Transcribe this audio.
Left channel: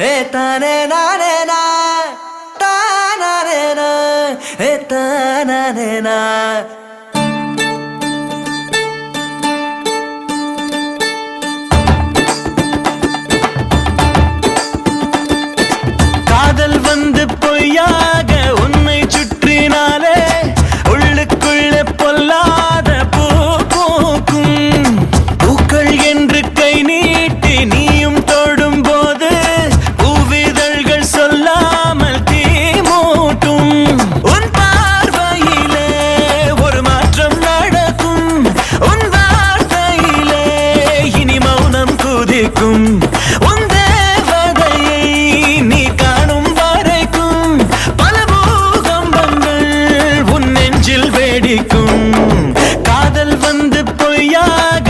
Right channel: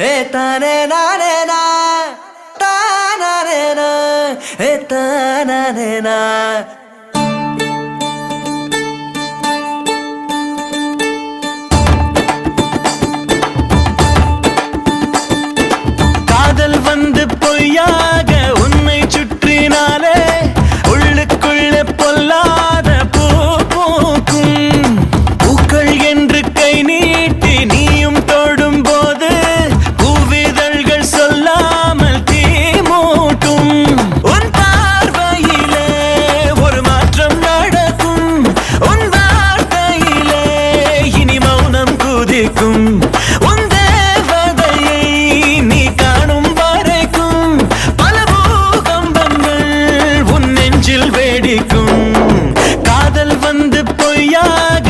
ஏ தானே நானே நா தானே நா ஏ தானே நா. காதல் வந்து பொய்யாக உன்னை சுற்றினாலே உள்ளுக்குள்ளே பொல்லாத பூ பூக்கும். பூக்கள் என்று கை நீட்டி நீயும் தொடும் போது பூவிதழ்கள் சொல்லாமல் தீ மூட்டும். உன் பார்வையிலே ஒரு மாற்றம் நடக்கும், உன் வார்த்தையிலே இனி மௌனம் குதிக்கும். உன் தேவதையை நீ காணும் வரைக்கும் பல பூகம்பங்கள் உன் நெஞ்சில் வெடிக்கும். காதல் வந்து பொய்யாக